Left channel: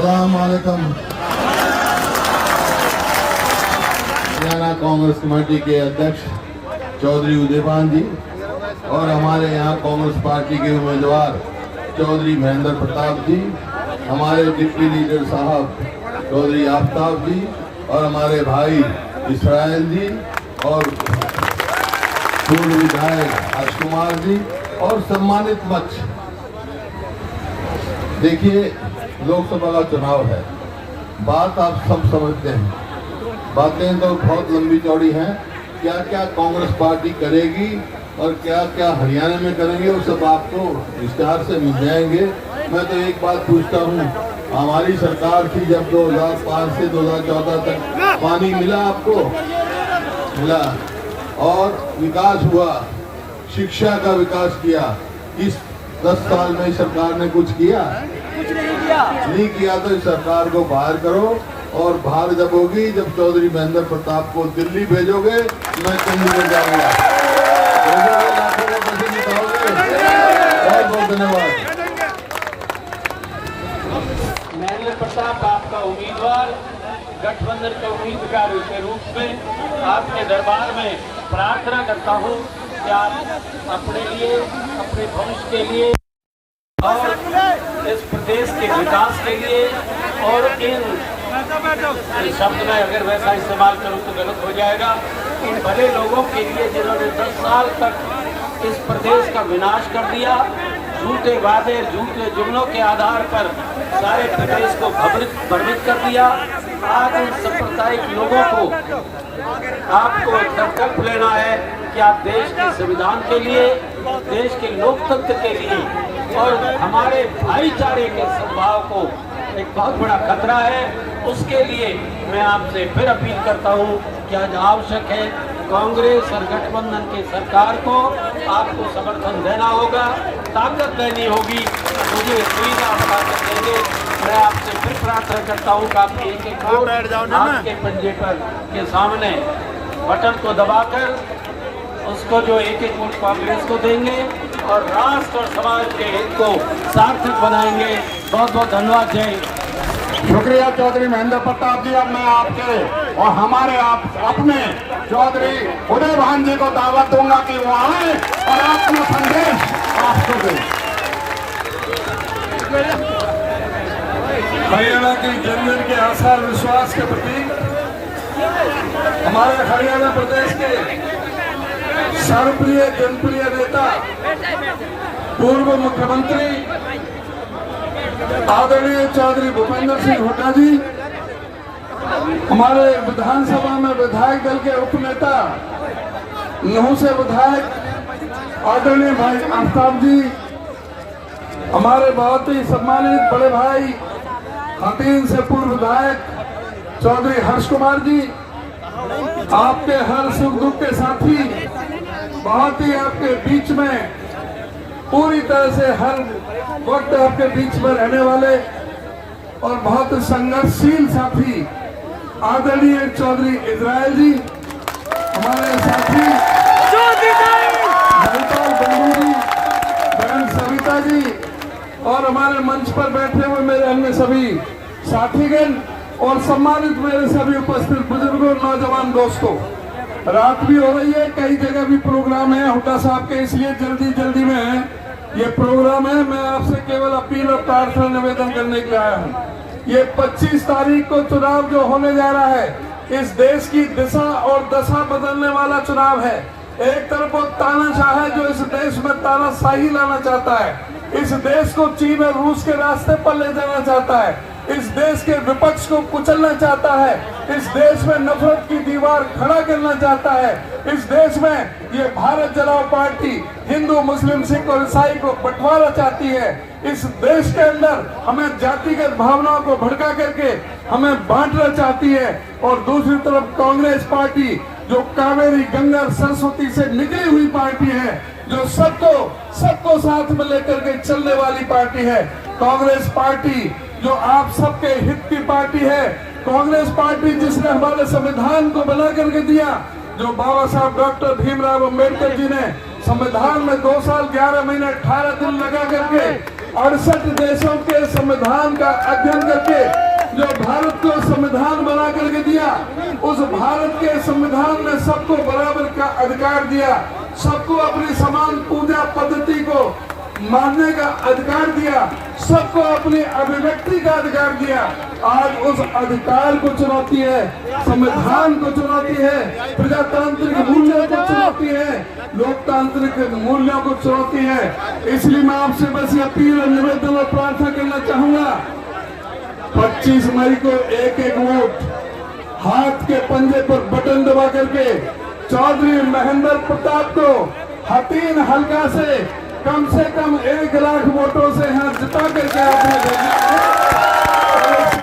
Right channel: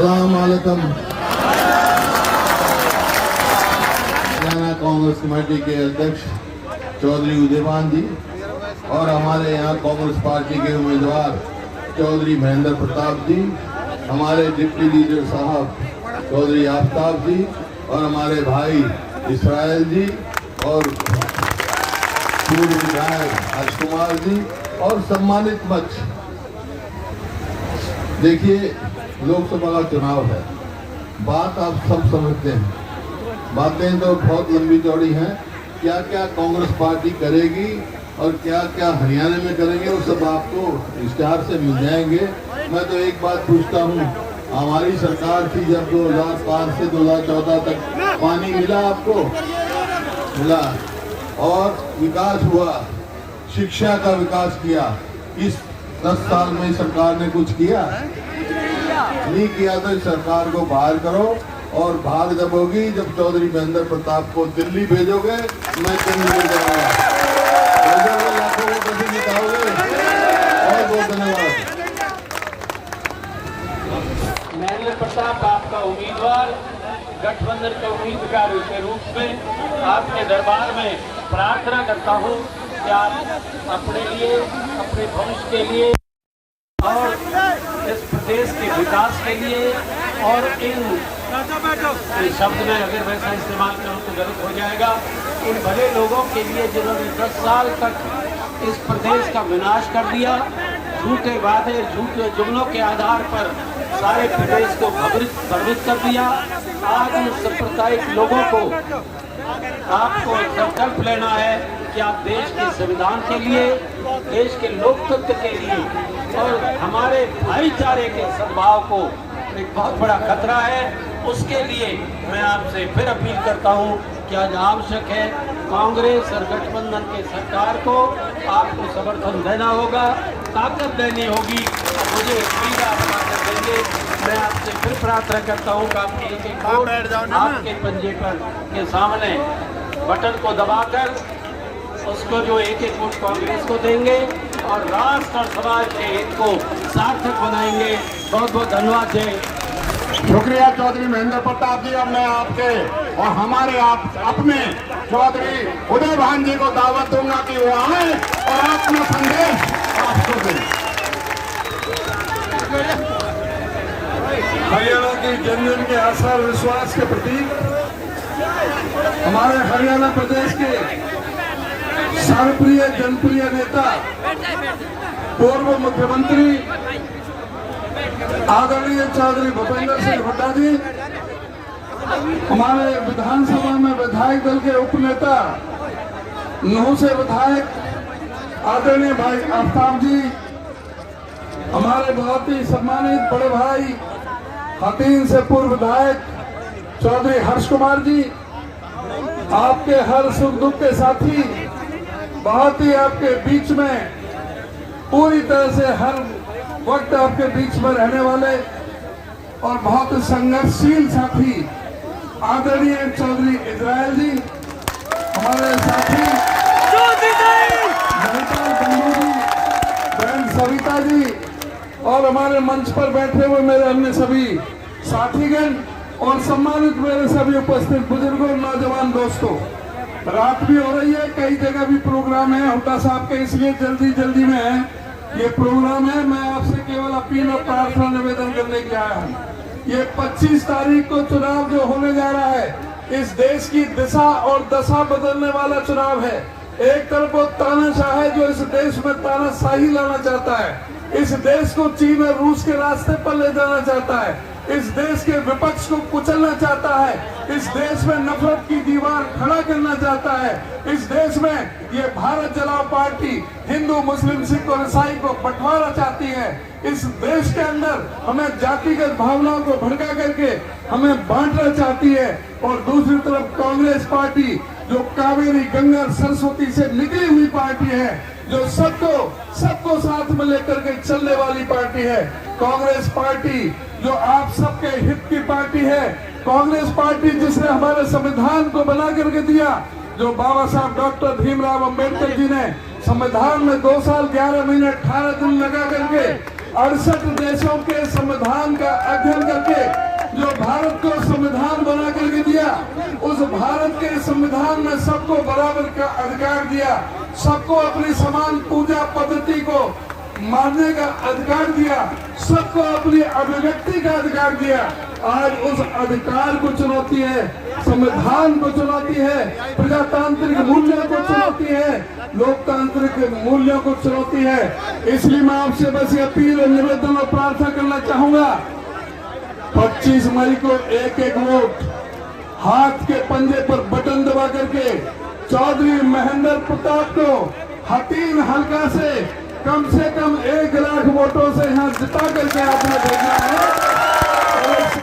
अस्सलाम वालेकुम। हरियाणा कांग्रेस कमेटी के अध्यक्ष चौधरी उदयभान जी और हमारे यहाँ कांग्रेस पार्टी के उम्मीदवार चौधरी महेंद्र प्रताप जी, हमारे डिप्टी लीडर साहब चौधरी आफ्ताब जी और हमारे भाई इसराइल जी और पूर्व विधायक हर्ष कुमार जी और सम्मानित मंच। देखिए, लोकसभा का चुनाव है, बात आप सब समझते हैं, बातें तो बहुत लंबी चौड़ी हैं। क्या क्या कांग्रेस पार्टी करेगी और क्या क्या हरियाणा में करेंगे वो सब आपको विस्तार से मिल जाएंगे। मैं तो एक बात पूछता हूँ, हमारी सरकार थी जब 2005 से 2014 तक पानी मिला आपको? मिला। और विकास हुआ, शिक्षा का विकास किया। इस 10 साल में सरकार ने कुछ किया? नहीं किया। तो इस सरकार को बाहर करो और बाहर जब होगी, जब चौधरी महेंद्र प्रताप को दिल्ली भेजोगे, मैं चंडीगढ़ जाऊंगा। लाखों को पैसे निकालोगे। बहुत बहुत धन्यवाद। महेंद्र प्रताप आपका उम्मीदवार, गठबंधन के उम्मीदवार के रूप में आपके दरबार में प्रार्थना करता हूँ कि आप अपने लिए, अपने भविष्य के लिए और इस प्रदेश के विकास के लिए, और इन शब्द में अगर वैसा इस्तेमाल करूं तो गलत हो जाएगा, इन भले लोगों के लिए जिन्होंने 10 साल तक इस प्रदेश का विनाश कर दिया, झूठे वादे, झूठे जुमलों के आधार पर सारे प्रदेश को भ्रमित कर दिया। आज उन सांप्रदायिक लोगों को आपको संकल्प लेना है कि आप देश के संविधान के लिए, देश के लोकतंत्र के लिए और हमारे भाईचारे के सद्भाव को एक बहुत बड़ा खतरा है, उसके लिए मैं आपसे फिर अपील करता हूं कि आज आवश्यक है कांग्रेस और गठबंधन के सरकार को आपको समर्थन देना होगा, ताकत देनी होगी और मुझे उम्मीद आप ताकत देंगे। मैं आपसे फिर प्रार्थना करता हूँ कि आप एक एक नाक के पंजे पर के सामने बटन को दबाकर उसको जो एक एक वोट कांग्रेस को देंगे और राष्ट्र और समाज के हित को सार्थक बनाएंगे। बहुत बहुत धन्यवाद। जय। शुक्रिया चौधरी महेंद्र प्रताप जी। अब मैं आपके और हमारे अपने चौधरी उदयभान जी को दावत दूंगा कि वो आए और अपना संदेश आपसे दें। हरियाणा की जनजन के आशा विश्वास के प्रतीक हमारे हरियाणा प्रदेश के सर्वप्रिय जनप्रिय नेता, पूर्व मुख्यमंत्री आदरणीय चौधरी भूपेंद्र सिंह हुड्डा जी, हमारे विधानसभा में विधायक दल के उपनेता नूह से विधायक आदरणीय भाई आफ्ताब जी, हमारे बहुत ही सम्मानित बड़े भाई हतीन से पूर्व विधायक चौधरी हर्ष कुमार जी, आपके हर सुख दुख के साथी, बहुत ही आपके बीच में पूरी तरह से हर वक्त आपके बीच में रहने वाले और बहुत संघर्षशील साथी आदरणीय चौधरी इसराइल जी, हमारे साथी महिपाल बंधु जी, बहन सविता जी और हमारे मंच पर बैठे हुए मेरे अन्य सभी साथीगण और सम्मानित मेरे सभी उपस्थित बुजुर्गों, नौजवान दोस्तों। रात भी हो रही है, कई जगह भी प्रोग्राम है हुड्डा साहब के, इसलिए जल्दी में है ये प्रोग्राम है। मैं आपसे केवल अपील और प्रार्थना निवेदन करने के आया हूँ। ये 25 तारीख को चुनाव जो होने जा रहा है, इस देश की दिशा और दशा बदलने वाला चुनाव है। एक तरफ वो तानाशाह है जो इस देश में तानाशाही लाना चाहता है, इस देश को चीन और रूस के रास्ते पर ले जाना चाहता है, इस देश के विपक्ष को कुचलना चाहता है, इस देश में नफरत की दीवार खड़ा करना चाहता है, इस देश में ये भारत जलाओ पार्टी हिंदू, मुस्लिम, सिख और ईसाई को बंटवारा चाहती है। इस देश के अंदर हमें जातिगत भावनाओं को भड़का करके हमें बांटना चाहती है। और दूसरी तरफ कांग्रेस पार्टी जो कावेरी, गंगा, सरस्वती से निकली हुई पार्टी है, जो सबको साथ में लेकर के चलने वाली पार्टी है। कांग्रेस पार्टी जो आप सबके हित की पार्टी है, कांग्रेस पार्टी जिसने हमारे संविधान को बना करके दिया, जो बाबा साहब डॉक्टर भीमराव अंबेडकर जी ने संविधान में 2 साल 11 महीने 18 दिन लगा करके 68 देशों के संविधान का अध्ययन करके जो भारत को संविधान बना करके दिया, उस भारत के संविधान ने सबको बराबर का अधिकार दिया, सबको अपनी समान पूजा पद्धति को मानने का अधिकार दिया, सबको अपनी अभिव्यक्ति का अधिकार दिया। आज उस अधिकार को चुनौती है, संविधान को चुनौती है, प्रजातांत्रिक मूल्यों को चुनौती है, लोकतांत्रिक मूल्यों को चुनौती है। इसलिए मैं आपसे बस ये अपील और निवेदन और प्रार्थना करना चाहूंगा, 25 मई को एक एक वोट हाथ के पंजे पर बटन दबा करके चौधरी महेंद्र प्रताप को हतीन हल्का से कम 1 लाख वोटों से यहाँ जिता करके आपने देखना है।